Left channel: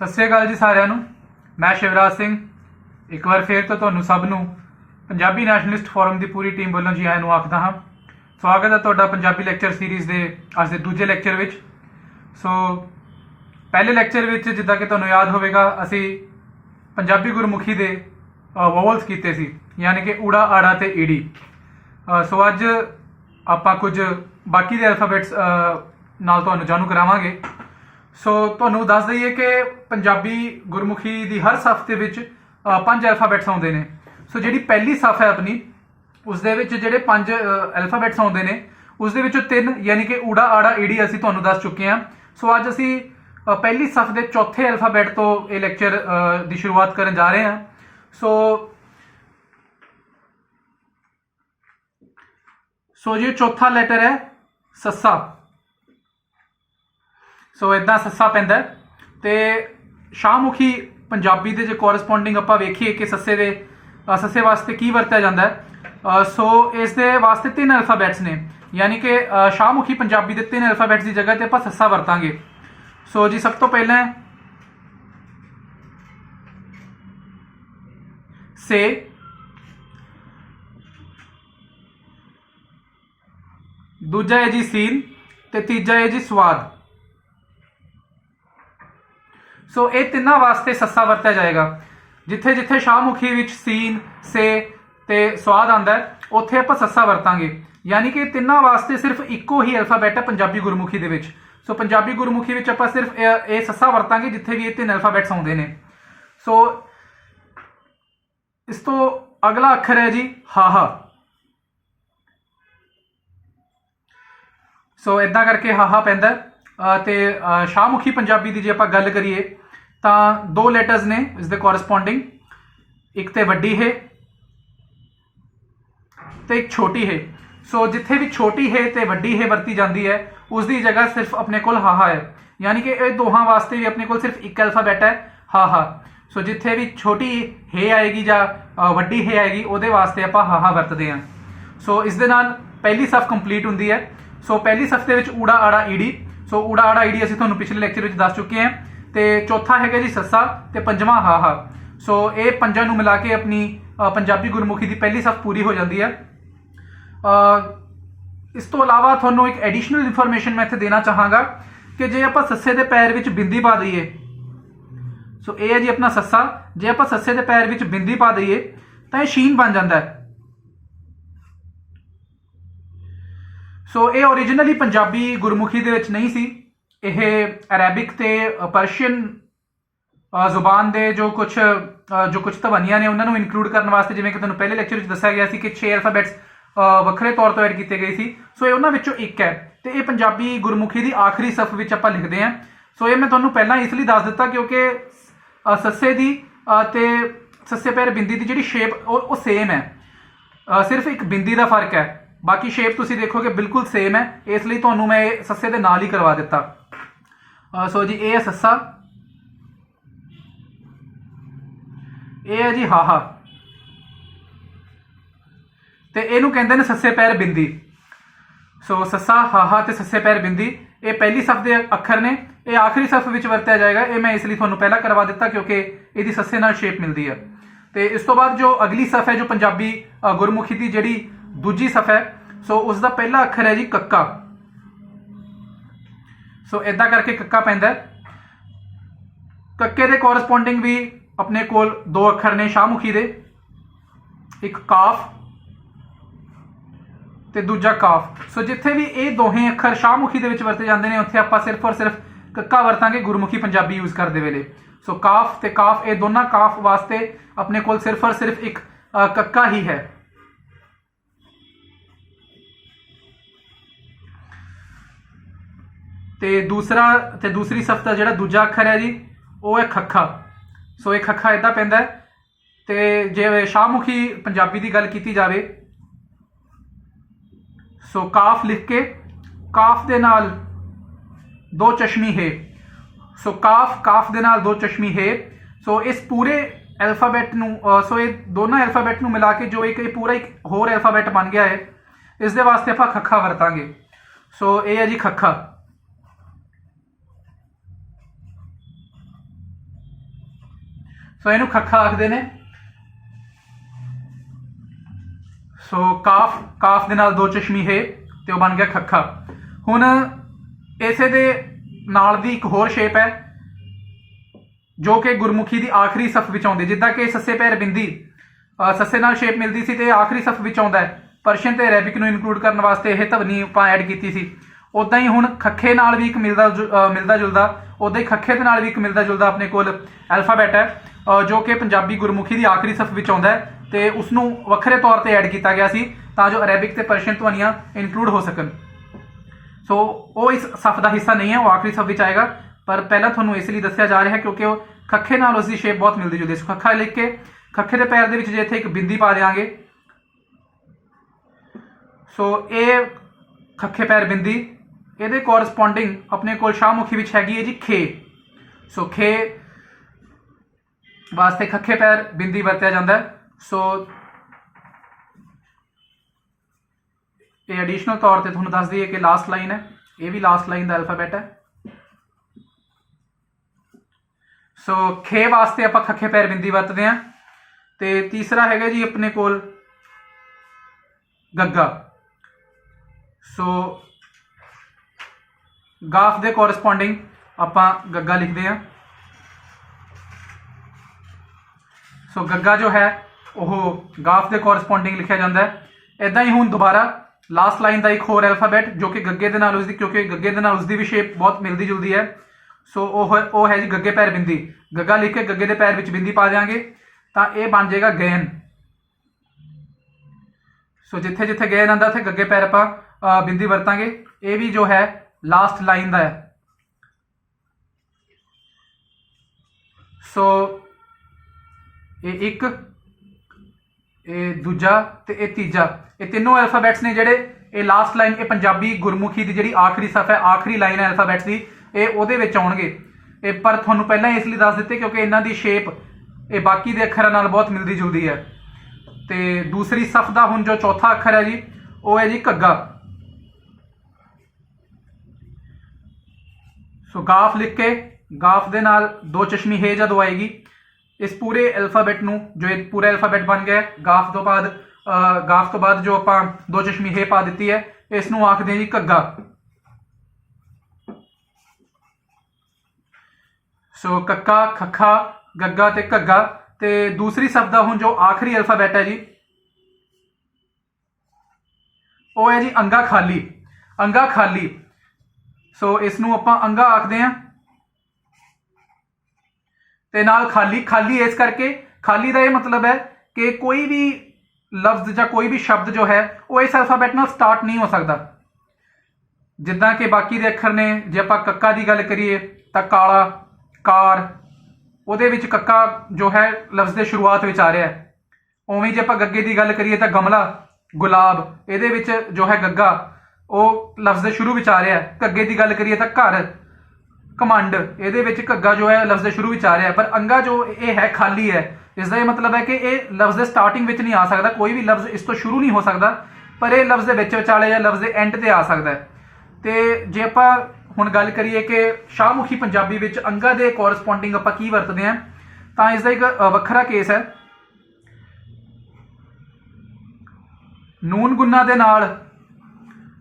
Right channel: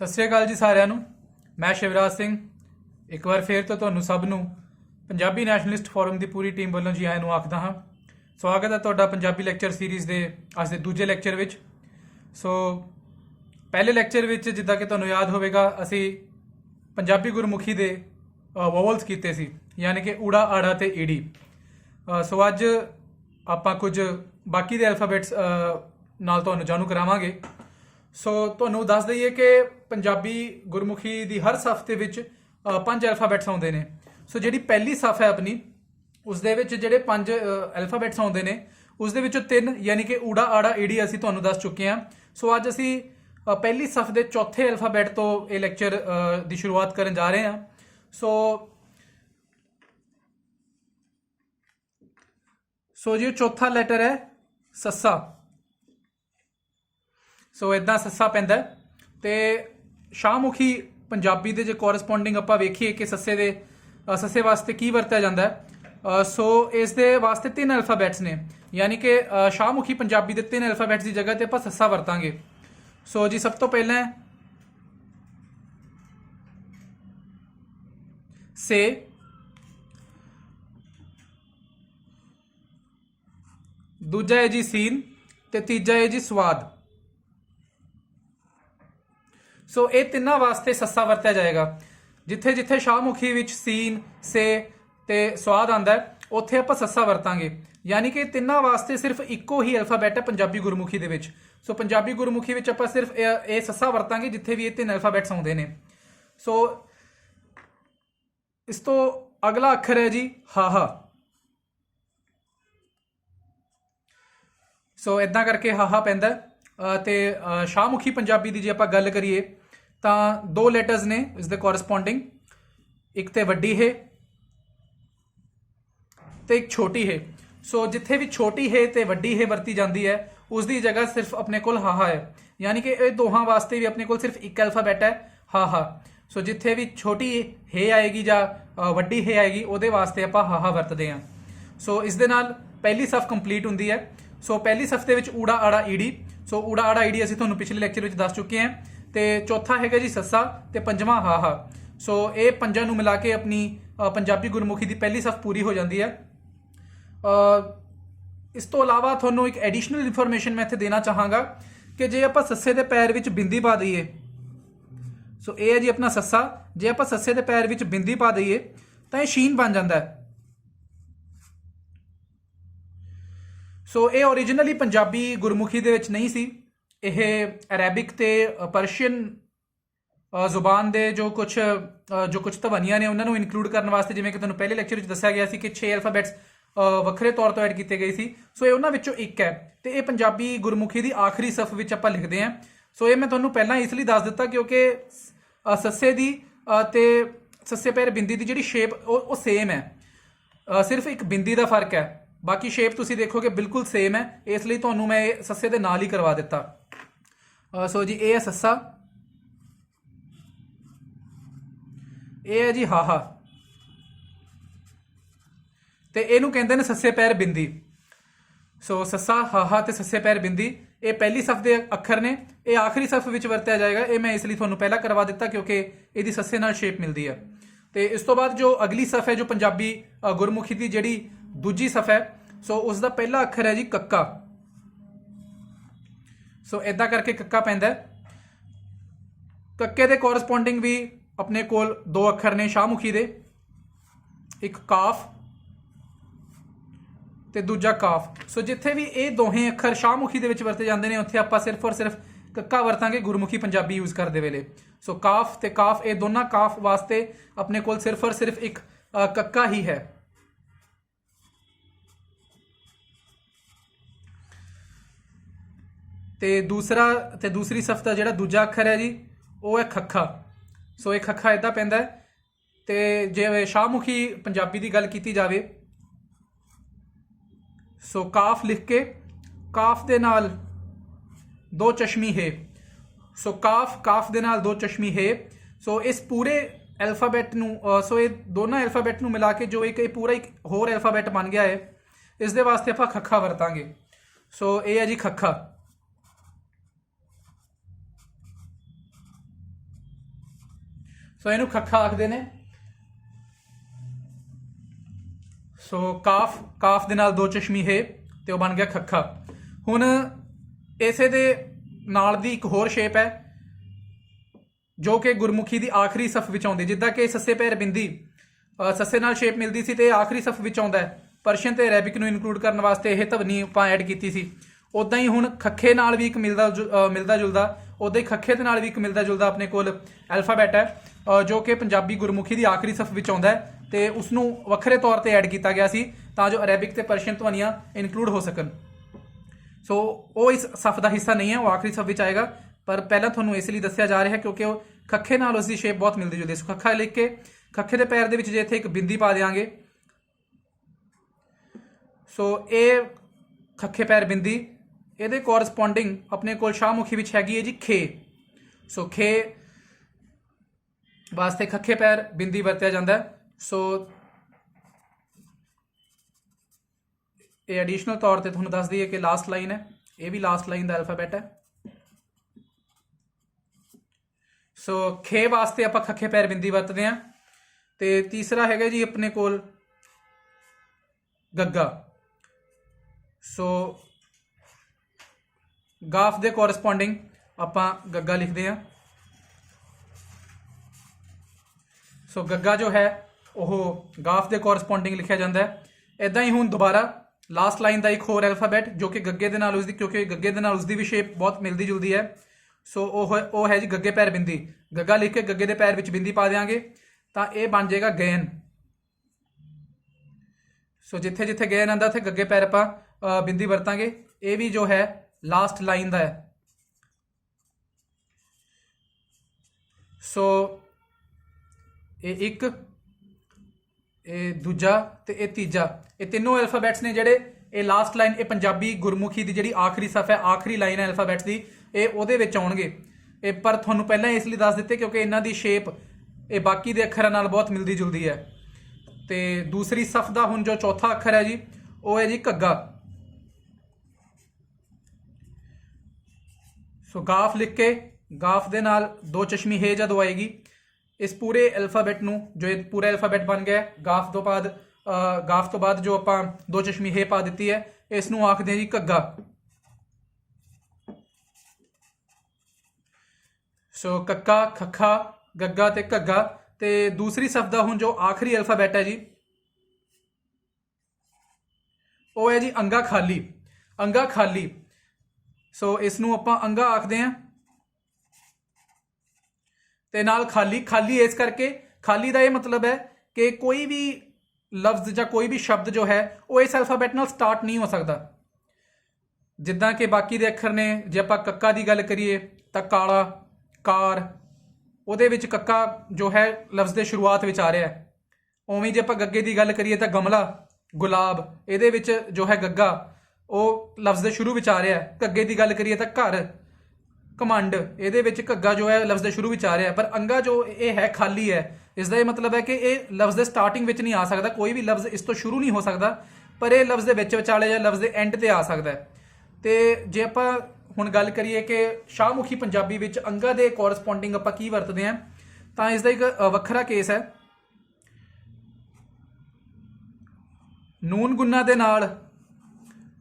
ਸਤਿ ਸ਼੍ਰੀ ਅਕਾਲ ਜੀ ਸਾਰਿਆਂ ਨੂੰ। ਮੈਂ ਸ਼ਿਵਰਾਜ ਸਿੰਘ ਇੱਕ ਵਾਰ ਫੇਰ ਤੋਂ ਤੁਹਾਨੂੰ ਸਭ ਨੂੰ ਪੰਜਾਬੀ ਨੈਸ਼ਨਲਿਸਟ ਫੋਰਮ ਦੀ ਪੂਰੀ ਟੀਮ ਵੱਲੋਂ ਜੀ ਆਇਆਂ ਨੂੰ ਆਖਦਾ ਹਾਂ। ਸਵਾਗਤ ਹੈ ਤੁਹਾਡਾ ਪੰਜਾਬੀ ਲੈਕਚਰ ਸੀਰੀਜ਼ ਦੇ ਅੱਜ ਦੇ ਦੂਜੇ ਲੈਕਚਰ ਵਿੱਚ। ਸੋ ਪਹਿਲੇ ਲੈਕਚਰ ਵਿੱਚ ਜਿੱਦਾਂ ਕਿ ਤੁਹਾਨੂੰ ਯਾਦ ਹੋਵੇਗਾ ਅਸੀਂ ਪੰਜਾਬੀ ਗੁਰਮੁਖੀ ਦੇ ਵੋਵਲਸ ਕੀਤੇ ਸੀ, ਯਾਨੀ ਕਿ ਊੜਾ ਆੜਾ ਤੇ ਈੜੀ। ਸੋ ਅੱਜ ਆਪਾਂ ਕੁਝ ਬਾਕੀ ਦੇ ਅਲਫਾਬੈਟਸ ਨਾਲ ਤੁਹਾਨੂੰ ਜਾਣੂ ਕਰਾਵਾਂਗੇ। ਸੋ ਤੁਹਾਨੂੰ ਦੱਸ ਦਈਏ ਕਿ ਪੰਜਾਬੀ ਗੁਰਮੁਖੀ ਦੀ ਹਰ ਸਫ਼ ਦੇ ਵਿੱਚ 5 ਅਲਫਾਬੈਟਸ ਆਉਂਦੇ ਨੇ। ਸੋ ਜਿਹੜੀ ਪਹਿਲੀ ਸਫ਼ ਹੈ ਆਪਣੀ, ਉਸ ਦੇ ਵਿੱਚ ਜਿਹੜੇ 5 ਅਲਫਾਬੈਟਸ ਆਉਂਦੇ ਨੇ, ਉਸ ਦੇ ਵਿੱਚੋਂ 3 ਯਾਨੀ ਕਿ ਊੜਾ ਆੜਾ ਈੜੀ ਅਸੀਂ ਤੁਹਾਨੂੰ ਦੱਸ ਚੁੱਕੇ ਹਾਂ। ਸੋ ਅੱਜ ਅਸੀਂ ਪਹਿਲੀ ਸਫ਼ ਦੇ ਚੌਥੇ ਅਲਫਾਬੈਟ ਤੋਂ ਇਹ ਲੈਕਚਰ ਦੀ ਸ਼ੁਰੂਆਤ ਕਰਨ ਜਾ ਰਹੇ ਹਾਂ। ਸੋ ਜੀ ਚੌਥਾ ਲੈਟਰ ਹੈ ਸੱਸਾ। ਸੋ ਇਦਾਂ ਸੱਸਾ ਪੈਂਦਾ ਤੇ ਸ਼ਾਹਮੁਖੀ ਪੰਜਾਬੀ ਦੇ ਜੇ ਕੋਰਸਪੋਂਡਿੰਗ ਆਪਾਂ ਵੇਖੀਏ ਕਿ ਸੱਸੇ ਵਾਸਤੇ ਕੀ ਵਰਤਿਆ ਜਾਂਦਾ ਹੈ। ਸੋ ਇਸ ਦੇ ਵਾਸਤੇ 3 ਅਲਫਾਬੈਟਸ ਨੇ, ਯਾਨੀ ਕਿ ਸ਼ਾਹਮੁਖੀ ਪੰਜਾਬੀ ਦੇ 3 ਅਲਫਾਬੈਟਸ ਦੀ ਜਗ੍ਹਾ ਤੇ ਆਪਾਂ ਸੱਸਾ ਵਰਤਾਂਗੇ। ਸੋ ਜੀ ਸਭ ਤੋਂ ਪਹਿਲਾਂ ਹੈ ਸੇ, ਦੂਜਾ ਹੈ ਜੀ ਸੀਨ ਤੇ ਤੀਜਾ ਹੈ ਜੀ ਸਵਾਦ। ਸੋ ਇਹ ਤਿੰਨਾਂ ਵਾਸਤੇ ਸੱਸਾ ਵਰਤਿਆ ਜਾਏਗਾ। ਜਿੱਥੇ ਜਿੱਥੇ ਸ਼ਾਹਮੁਖੀ ਵਿੱਚ ਸੀਨ, ਸੇ ਤੇ ਸਵਾਦ ਆਉਂਦਾ ਉੱਥੇ ਆਪਾਂ ਸੱਸਾ ਵਰਤਾਂਗੇ, ਯਾਨੀ ਕਿ ਤਿੰਨਾਂ ਵਾਸਤੇ ਸਿਰਫ ਇੱਕੋ ਹੀ ਅਲਫਾਬੈਟ ਹੈ ਪੰਜਾਬੀ ਗੁਰਮੁਖੀ ਦੇ ਵਿੱਚ। ਸੋ ਪੰਜਾਬੀ ਗੁਰਮੁਖੀ ਵਿੱਚ ਆਪਾਂ ਸਿਰਫ ਇਹ ਸੱਸਾ ਵਰਤਾਂਗੇ ਜਿੱਥੇ ਵੀ ਇਹ 3 ਅਲਫਾਬੈਟਸ ਆਉਂਦੇ ਨੇ। ਸੋ ਇਸ ਤੋਂ ਅਗਲਾ ਅੱਖਰ ਹੈ ਜੀ ਹਾਹਾ। ਸੋ ਇਦਾਂ ਕਰਕੇ ਹਾਹਾ ਪੈਂਦਾ ਤੇ ਸ਼ਾਹਮੁਖੀ ਪੰਜਾਬੀ ਦੀ ਜੇ ਆਪਾਂ ਗੱਲ ਕਰੀਏ ਤਾਂ 2 ਲੈਟਰਸ ਨੇ ਇਸ ਦੇ ਕੋਰਸਪੋਂਡਿੰਗ, ਇੱਕ ਤੇ ਵੱਡੀ ਹੈ ਤੇ ਇੱਕ ਛੋਟੀ ਹੈ। ਸੋ ਜਿੱਥੇ ਵੀ ਛੋਟੀ ਹੈ ਤੇ ਵੱਡੀ ਹੈ ਵਰਤੀ ਜਾਂਦੀ ਹੈ ਉਸ ਦੀ ਜਗ੍ਹਾ ਸਿਰਫ ਆਪਣੇ ਕੋਲ ਹਾਹਾ ਹੈ, ਯਾਨੀ ਕਿ ਇਹ ਦੋਹਾਂ ਵਾਸਤੇ ਵੀ ਆਪਣੇ ਕੋਲ ਸਿਰਫ ਇੱਕ ਅਲਫਾਬੈਟ ਹੈ ਹਾਹਾ। ਸੋ ਜਿੱਥੇ ਵੀ ਛੋਟੀ ਹੈ ਆਏਗੀ ਜਾਂ ਵੱਡੀ ਹੈ ਆਏਗੀ ਉਹਦੇ ਵਾਸਤੇ ਆਪਾਂ ਹਾਹਾ ਵਰਤਦੇ ਹਾਂ। ਸੋ ਇਸ ਦੇ ਨਾਲ ਪਹਿਲੀ ਸਫ਼ ਕੰਪਲੀਟ ਹੁੰਦੀ ਹੈ। ਸੋ ਪਹਿਲੀ ਸਫ਼ ਦੇ ਵਿੱਚ ਊੜਾ ਆੜਾ ਈੜੀ। ਸੋ ਊੜਾ ਆੜਾ ਈੜੀ ਅਸੀਂ ਤੁਹਾਨੂੰ ਪਿਛਲੇ ਲੈਕਚਰ ਵਿੱਚ ਦੱਸ ਚੁੱਕੇ ਹਾਂ। ਤੇ ਚੌਥਾ ਹੈਗਾ ਜੀ ਸੱਸਾ ਤੇ ਪੰਜਵਾਂ ਹਾਹਾ। ਸੋ ਇਹ ਪੰਜਾਂ ਨੂੰ ਮਿਲਾ ਕੇ ਆਪਣੀ ਪੰਜਾਬੀ ਗੁਰਮੁਖੀ ਦੀ ਪਹਿਲੀ ਸਫ਼ ਪੂਰੀ ਹੋ ਜਾਂਦੀ ਹੈ। ਇਸ ਤੋਂ ਇਲਾਵਾ ਤੁਹਾਨੂੰ ਇੱਕ ਐਡੀਸ਼ਨਲ ਇਨਫੋਰਮੇਸ਼ਨ ਮੈਂ ਇੱਥੇ ਦੇਣਾ ਚਾਹਾਂਗਾ ਕਿ ਜੇ ਆਪਾਂ ਸੱਸੇ ਦੇ ਪੈਰ ਵਿੱਚ ਬਿੰਦੀ ਪਾ ਦਈਏ, ਸੋ ਇਹ ਹੈ ਜੀ ਆਪਣਾ ਸੱਸਾ, ਜੇ ਆਪਾਂ ਸੱਸੇ ਦੇ ਪੈਰ ਵਿੱਚ ਬਿੰਦੀ ਪਾ ਦਈਏ ਤਾਂ ਇਹ ਸ਼ੀਨ ਬਣ ਜਾਂਦਾ ਹੈ। ਸੋ ਇਹ ਓਰੀਜਨਲੀ ਪੰਜਾਬੀ ਗੁਰਮੁਖੀ ਦੇ ਵਿੱਚ ਨਹੀਂ ਸੀ, ਇਹ ਅਰੈਬਿਕ ਤੇ ਪਰਸ਼ੀਅਨ ਜ਼ੁਬਾਨ ਦੇ ਜੋ ਕੁਝ ਧਵਨੀਆਂ ਨੇ ਉਹਨਾਂ ਨੂੰ ਇਨਕਲੂਡ ਕਰਨ ਵਾਸਤੇ, ਜਿਵੇਂ ਕਿ ਤੁਹਾਨੂੰ ਪਹਿਲੇ ਲੈਕਚਰ ਵਿੱਚ ਦੱਸਿਆ ਗਿਆ ਸੀ ਕਿ 6 ਅਲਫਾਬੈਟਸ ਵੱਖਰੇ ਤੌਰ ਤੋਂ ਐਡ ਕੀਤੇ ਗਏ ਸੀ। ਸੋ ਇਹ ਉਹਨਾਂ ਵਿੱਚੋਂ ਇੱਕ ਹੈ ਤੇ ਇਹ ਪੰਜਾਬੀ ਗੁਰਮੁਖੀ ਦੀ ਆਖਰੀ ਸਫ਼ ਵਿੱਚ ਆਪਾਂ ਲਿਖਦੇ ਹਾਂ। ਸੋ ਇਹ ਮੈਂ ਤੁਹਾਨੂੰ ਪਹਿਲਾਂ ਇਸ ਲਈ ਦੱਸ ਦਿੱਤਾ ਕਿਉਂਕਿ ਸੱਸੇ ਦੀ ਤੇ ਸੱਸੇ ਪੈਰ ਬਿੰਦੀ ਦੀ ਜਿਹੜੀ ਸ਼ੇਪ ਉਹ ਸੇਮ ਹੈ, ਸਿਰਫ ਇੱਕ ਬਿੰਦੀ ਦਾ ਫਰਕ ਹੈ, ਬਾਕੀ ਸ਼ੇਪ ਤੁਸੀਂ ਦੇਖੋਗੇ ਬਿਲਕੁਲ ਸੇਮ ਹੈ। ਇਸ ਲਈ ਤੁਹਾਨੂੰ ਮੈਂ ਇਹ ਸੱਸੇ ਦੇ ਨਾਲ ਹੀ ਕਰਵਾ ਦਿੱਤਾ। ਸੋ ਜੀ ਇਹ ਹੈ ਸੱਸਾ, ਇਹ ਹੈ ਜੀ ਹਾਹਾ ਤੇ ਇਹਨੂੰ ਕਹਿੰਦੇ ਨੇ ਸੱਸੇ ਪੈਰ ਬਿੰਦੀ। ਸੋ ਸੱਸਾ, ਹਾਹਾ ਤੇ ਸੱਸੇ ਪੈਰ ਬਿੰਦੀ ਇਹ ਪਹਿਲੀ ਸਫ਼ ਦੇ ਅੱਖਰ ਨੇ, ਇਹ ਆਖਰੀ ਸਫ਼ ਵਿੱਚ ਵਰਤਿਆ ਜਾਏਗਾ। ਇਹ ਮੈਂ ਇਸ ਲਈ ਤੁਹਾਨੂੰ ਪਹਿਲਾਂ ਕਰਵਾ ਦਿੱਤਾ ਕਿਉਂਕਿ ਇਹਦੀ ਸੱਸੇ ਨਾਲ ਸ਼ੇਪ ਮਿਲਦੀ ਹੈ। ਤੇ ਇਸ ਤੋਂ ਬਾਅਦ ਜੋ ਅਗਲੀ ਸਫ਼ ਹੈ, ਜੋ ਪੰਜਾਬੀ ਗੁਰਮੁਖੀ ਦੀ ਜਿਹੜੀ ਦੂਜੀ ਸਫ਼ ਹੈ, ਸੋ ਉਸ ਦਾ ਪਹਿਲਾ ਅੱਖਰ ਹੈ ਜੀ ਕੱਕਾ। ਸੋ ਇਦਾਂ ਕਰਕੇ ਕੱਕਾ ਪੈਂਦਾ। ਕੱਕੇ ਦੇ ਕੋਰਸਪੋਂਡਿੰਗ ਵੀ ਆਪਣੇ ਕੋਲ 2 ਅੱਖਰ ਨੇ ਸ਼ਾਹਮੁਖੀ ਦੇ, ਇੱਕ ਕਾਫ ਤੇ ਦੂਜਾ ਕਾਫ। ਸੋ ਜਿੱਥੇ ਵੀ ਇਹ ਦੋਹੇ ਅੱਖਰ ਸ਼ਾਹਮੁਖੀ ਦੇ ਵਿੱਚ ਵਰਤੇ ਜਾਂਦੇ ਨੇ ਉੱਥੇ ਆਪਾਂ ਸਿਰਫ ਔਰ ਸਿਰਫ ਕੱਕਾ ਵਰਤਾਂਗੇ ਗੁਰਮੁਖੀ ਪੰਜਾਬੀ ਯੂਜ਼ ਕਰਦੇ ਵੇਲੇ। ਸੋ ਕਾਫ ਤੇ ਕਾਫ, ਇਹ ਦੋਨਾਂ ਕਾਫ ਵਾਸਤੇ ਆਪਣੇ ਕੋਲ ਸਿਰਫ ਔਰ ਸਿਰਫ ਇੱਕ ਕੱਕਾ ਹੀ ਹੈ। ਤੇ ਦੂਸਰੀ ਸਫ਼ ਦਾ ਜਿਹੜਾ ਦੂਜਾ ਅੱਖਰ ਹੈ ਜੀ ਉਹ ਹੈ ਖੱਖਾ। ਸੋ ਇਹ ਖੱਖਾ ਇਦਾਂ ਪੈਂਦਾ ਤੇ ਜੇ ਸ਼ਾਹਮੁਖੀ ਪੰਜਾਬੀ ਦੀ ਗੱਲ ਕੀਤੀ ਜਾਵੇ, ਸੋ ਕਾਫ ਲਿਖ ਕੇ ਕਾਫ ਦੇ ਨਾਲ 2 ਚਸ਼ਮੀ ਹੈ। ਸੋ ਕਾਫ ਦੇ ਨਾਲ 2 ਚਸ਼ਮੀ ਹੈ। ਸੋ ਇਸ ਪੂਰੇ ਅਲਫਾਬੈਟ ਨੂੰ, ਸੋ ਇਹ ਦੋਨਾਂ ਅਲਫਾਬੈਟ ਨੂੰ ਮਿਲਾ ਕੇ ਜੋ ਇਹ ਪੂਰਾ ਇੱਕ ਹੋਰ ਅਲਫਾਬੈਟ ਬਣ ਗਿਆ ਹੈ, ਇਸ ਦੇ ਵਾਸਤੇ ਆਪਾਂ ਖੱਖਾ ਵਰਤਾਂਗੇ। ਸੋ ਇਹ ਹੈ ਜੀ ਖੱਖਾ। ਸੋ ਇਹਨੂੰ ਖੱਖਾ ਆਖਦੇ ਨੇ। ਸੋ ਕਾਫ ਦੇ ਨਾਲ ਦੋ ਚਸ਼ਮੀ ਹੈ ਤੇ ਉਹ ਬਣ ਗਿਆ ਖੱਖਾ। ਹੁਣ ਇਸੇ ਦੇ ਨਾਲ ਦੀ ਇੱਕ ਹੋਰ ਸ਼ੇਪ ਹੈ ਜੋ ਕਿ ਗੁਰਮੁਖੀ ਦੀ ਆਖਰੀ ਸਫ ਵਿੱਚ ਆਉਂਦੀ, ਜਿੱਦਾਂ ਕਿ ਸੱਸੇ ਪੈਰ ਬਿੰਦੀ ਸੱਸੇ ਨਾਲ ਸ਼ੇਪ ਮਿਲਦੀ ਸੀ ਤੇ ਆਖਰੀ ਸਫ ਵਿੱਚ ਆਉਂਦਾ ਹੈ। ਪਰਸ਼ੀਅਨ ਤੇ ਅਰੈਬਿਕ ਨੂੰ ਇਨਕਲੂਡ ਕਰਨ ਵਾਸਤੇ ਇਹ ਧਵਨੀ ਆਪਾਂ ਐਡ ਕੀਤੀ ਸੀ। ਉੱਦਾਂ ਹੀ ਹੁਣ ਖੱਖੇ ਨਾਲ ਵੀ ਇੱਕ ਮਿਲਦਾ ਜੁਲਦਾ, ਉੱਦਾਂ ਹੀ ਖੱਖੇ ਦੇ ਨਾਲ ਵੀ ਇੱਕ ਮਿਲਦਾ ਜੁਲਦਾ ਆਪਣੇ ਕੋਲ ਐਲਫਾਬੈਟ ਹੈ ਜੋ ਕਿ ਪੰਜਾਬੀ ਗੁਰਮੁਖੀ ਦੀ ਆਖਰੀ ਸਫ ਵਿੱਚ ਆਉਂਦਾ ਹੈ ਤੇ ਉਸ ਨੂੰ ਵੱਖਰੇ ਤੌਰ ਤੇ ਐਡ ਕੀਤਾ ਗਿਆ ਸੀ ਤਾਂ ਜੋ ਅਰੈਬਿਕ ਤੇ ਪਰਸ਼ੀਅਨ ਧਵਨੀਆਂ ਇਨਕਲੂਡ ਹੋ ਸਕਣ। ਸੋ ਉਹ ਇਸ ਸਫ ਦਾ ਹਿੱਸਾ ਨਹੀਂ ਹੈ, ਉਹ ਆਖਰੀ ਸਫ ਵਿੱਚ ਆਏਗਾ, ਪਰ ਪਹਿਲਾਂ ਤੁਹਾਨੂੰ ਇਸ ਲਈ ਦੱਸਿਆ ਜਾ ਰਿਹਾ ਹੈ ਕਿਉਂਕਿ ਉਹ ਖੱਖੇ ਨਾਲ ਉਸ ਦੀ ਸ਼ੇਪ ਬਹੁਤ ਮਿਲਦੀ ਜੁਲਦੀ। ਸੋ ਖੱਖਾ ਲਿਖ ਕੇ ਖੱਖੇ ਦੇ ਪੈਰ ਦੇ ਵਿੱਚ ਜੇ ਇੱਥੇ ਇੱਕ ਬਿੰਦੀ ਪਾ ਦਿਆਂਗੇ, ਸੋ ਇਹ ਖੱਖੇ ਪੈਰ ਬਿੰਦੀ, ਇਹਦੇ ਕੋਰਸਪੋਂਡਿੰਗ ਆਪਣੇ ਕੋਲ ਸ਼ਾਹਮੁਖੀ ਵਿੱਚ ਹੈਗੀ ਹੈ ਜੀ ਖੇ। ਸੋ ਖੇ ਵਾਸਤੇ ਖੱਖੇ ਪੈਰ ਬਿੰਦੀ ਵਰਤਿਆ ਜਾਂਦਾ ਹੈ। ਸੋ ਇਹ ਐਡੀਸ਼ਨਲ ਤੌਰ ਤੇ ਤੁਹਾਨੂੰ ਦੱਸ ਦਈਏ ਕਿ ਲਾਸਟ ਲਾਈਨ ਹੈ, ਇਹ ਵੀ ਲਾਸਟ ਲਾਈਨ ਦਾ ਐਲਫਾਬੈਟ ਹੈ। ਸੋ ਖੇ ਵਾਸਤੇ ਆਪਾਂ ਖੱਖੇ ਪੈਰ ਬਿੰਦੀ ਵਰਤਦੇ ਹਾਂ। ਤੇ ਤੀਸਰਾ ਹੈਗਾ ਜੀ ਆਪਣੇ ਕੋਲ ਗੱਗਾ। ਸੋ ਗਾਫ ਦੇ ਕੋਰਸਪੋਂਡਿੰਗ ਆਪਾਂ ਗੱਗਾ ਲਿਖਦੇ ਹਾਂ। ਸੋ ਗੱਗਾ ਜੋ ਹੈ ਉਹ ਗਾਫ ਦੇ ਕੋਰਸਪੋਂਡਿੰਗ ਲਿਖਿਆ ਜਾਂਦਾ ਹੈ। ਇੱਦਾਂ ਹੀ ਹੁਣ ਦੁਬਾਰਾ ਲਾਸਟ ਲਾਈਨ ਦਾ ਇੱਕ ਹੋਰ ਐਲਫਾਬੈਟ ਜੋ ਕਿ ਗੱਗੇ ਦੇ ਨਾਲ ਉਸਦੀ, ਕਿਉਂਕਿ ਗੱਗੇ ਦੇ ਨਾਲ ਉਸਦੀ ਵੀ ਸ਼ੇਪ ਬਹੁਤ ਮਿਲਦੀ ਜੁਲਦੀ ਹੈ। ਸੋ ਉਹ ਹੈ ਜੀ ਗੱਗੇ ਪੈਰ ਬਿੰਦੀ। ਗੱਗਾ ਲਿਖ ਕੇ ਗੱਗੇ ਦੇ ਪੈਰ ਵਿੱਚ ਬਿੰਦੀ ਪਾ ਦਿਆਂਗੇ ਤਾਂ ਇਹ ਬਣ ਜਾਏਗਾ ਗੈਨ। ਸੋ ਜਿੱਥੇ ਜਿੱਥੇ ਗੈਨ ਆਉਂਦਾ ਉੱਥੇ ਗੱਗੇ ਪੈਰ ਆਪਾਂ ਬਿੰਦੀ ਵਰਤਾਂਗੇ। ਇਹ ਵੀ ਜੋ ਹੈ ਲਾਸਟ ਲਾਈਨ ਦਾ ਹੈ। ਸੋ ਇਹ ਇੱਕ, ਇਹ ਦੂਜਾ ਤੇ ਇਹ ਤੀਜਾ, ਇਹ ਤਿੰਨੋਂ ਐਲਫਾਬੈਟਸ ਨੇ ਜਿਹੜੇ ਇਹ ਲਾਸਟ ਲਾਈਨ, ਇਹ ਪੰਜਾਬੀ ਗੁਰਮੁਖੀ ਦੀ ਜਿਹੜੀ ਆਖਰੀ ਸਫ ਹੈ, ਆਖਰੀ ਲਾਈਨ ਹੈ ਐਲਫਾਬੈਟਸ ਦੀ, ਇਹ ਉਹਦੇ ਵਿੱਚ ਆਉਣਗੇ। ਇਹ ਪਰ ਤੁਹਾਨੂੰ ਪਹਿਲਾਂ ਇਸ ਲਈ ਦੱਸ ਦਿੱਤੇ ਕਿਉਂਕਿ ਇਹਨਾਂ ਦੀ ਸ਼ੇਪ ਇਹ ਬਾਕੀ ਦੇ ਅੱਖਰਾਂ ਨਾਲ ਬਹੁਤ ਮਿਲਦੀ ਜੁਲਦੀ ਹੈ। ਤੇ ਦੂਸਰੀ ਸਫ ਦਾ ਹੁਣ ਜੋ ਚੌਥਾ ਅੱਖਰ ਹੈ ਜੀ ਉਹ ਹੈ ਜੀ ਘੱਗਾ। ਸੋ ਗਾਫ ਲਿਖ ਕੇ ਗਾਫ ਦੇ ਨਾਲ ਦੋ ਚਸ਼ਮੀ ਹੈ ਜਦੋਂ ਆਏਗੀ, ਇਸ ਪੂਰੇ ਐਲਫਾਬੈਟ ਨੂੰ, ਜੋ ਇਹ ਪੂਰਾ ਐਲਫਾਬੈਟ ਬਣ ਗਿਆ ਗਾਫ ਤੋਂ ਬਾਅਦ ਜੋ ਆਪਾਂ ਦੋ ਚਸ਼ਮੀ ਹੈ ਪਾ ਦਿੱਤੀ ਹੈ, ਇਸ ਨੂੰ ਆਖਦੇ ਜੀ ਘੱਗਾ। ਸੋ ਕੱਕਾ, ਖੱਖਾ, ਗੱਗਾ ਤੇ ਘੱਗਾ। ਤੇ ਦੂਸਰੀ ਸਫ ਦਾ ਹੁਣ ਜੋ ਆਖਰੀ ਐਲਫਾਬੈਟ ਹੈ ਜੀ ਉਹ ਹੈ ਜੀ ਅੰਗਾ ਖਾਲੀ। ਅੰਗਾ ਖਾਲੀ। ਸੋ ਇਸ ਨੂੰ ਆਪਾਂ ਅੰਗਾ ਆਖਦੇ ਹਾਂ ਤੇ ਨਾਲ ਖਾਲੀ ਇਸ ਕਰਕੇ, ਖਾਲੀ ਦਾ ਇਹ ਮਤਲਬ ਹੈ ਕਿ ਕੋਈ ਵੀ ਲਫ਼ਜ਼ ਜਾਂ ਕੋਈ ਵੀ ਸ਼ਬਦ ਜੋ ਹੈ ਉਹ ਇਸ ਐਲਫਾਬੈਟ ਨਾਲ ਸਟਾਰਟ ਨਹੀਂ ਹੋ ਸਕਦਾ। ਜਿੱਦਾਂ ਕਿ ਬਾਕੀ ਦੇ ਅੱਖਰ ਨੇ, ਜੇ ਆਪਾਂ ਕੱਕਾ ਦੀ ਗੱਲ ਕਰੀਏ ਤਾਂ ਕਾਲਾ, ਕਾਰ, ਉਹਦੇ ਵਿੱਚ ਕੱਕਾ ਜੋ ਹੈ ਲਫ਼ਜ਼ ਦੇ ਸ਼ੁਰੂਆਤ ਵਿੱਚ ਆ ਰਿਹਾ ਹੈ। ਉਵੇਂ ਜੇ ਆਪਾਂ ਗੱਗੇ ਦੀ ਗੱਲ ਕਰੀਏ ਤਾਂ ਗਮਲਾ, ਗੁਲਾਬ, ਇਹਦੇ ਵਿੱਚ ਜੋ ਹੈ ਗੱਗਾ ਉਹ ਲਫ਼ਜ਼ ਦੇ ਸ਼ੁਰੂ ਵਿੱਚ ਆ ਰਿਹਾ ਹੈ। ਘੱਗੇ ਦੀ ਗੱਲ ਕਰੀਏ ਤਾਂ ਘਰ, ਕਮੰਡ, ਇਹਦੇ ਵਿੱਚ ਘੱਗਾ ਜੋ ਹੈ ਲਫ਼ਜ਼ ਦੇ ਸ਼ੁਰੂ ਵਿੱਚ ਆ ਰਿਹਾ ਹੈ। ਪਰ ਅੰਗਾ ਜੋ ਇਹ ਹੈ ਖਾਲੀ ਹੈ, ਇਸ ਦਾ ਇਹ ਮਤਲਬ ਹੈ ਕਿ ਇਹ ਲਫ਼ਜ਼ ਦੇ ਸਟਾਰਟਿੰਗ ਵਿੱਚ ਨਹੀਂ ਆ ਸਕਦਾ, ਕੋਈ ਵੀ ਲਫ਼ਜ਼ ਇਸ ਤੋਂ ਸ਼ੁਰੂ ਨਹੀਂ ਹੋ ਸਕਦਾ, ਪਰ ਇਹ ਲਫ਼ਜ਼ ਦੇ ਵਿੱਚ ਵਿਚਾਲੇ ਜਾਂ ਲਫ਼ਜ਼ ਦੇ ਐਂਡ ਤੇ ਆ ਸਕਦਾ ਹੈ। ਤੇ ਜੇ ਆਪਾਂ ਹੁਣ ਗੱਲ ਕਰੀਏ ਕਿ ਸ਼ਾਹਮੁਖੀ ਪੰਜਾਬੀ ਵਿੱਚ ਅੰਗਾ ਦੇ ਕੋਰਸਪੋਂਡਿੰਗ ਆਪਾਂ ਕੀ ਵਰਤਦੇ ਹਾਂ, ਤਾਂ ਇਸ ਦਾ ਇੱਕ ਵੱਖਰਾ ਕੇਸ ਹੈ। ਨੂਨ ਗੁੰਨਾ ਦੇ ਨਾਲ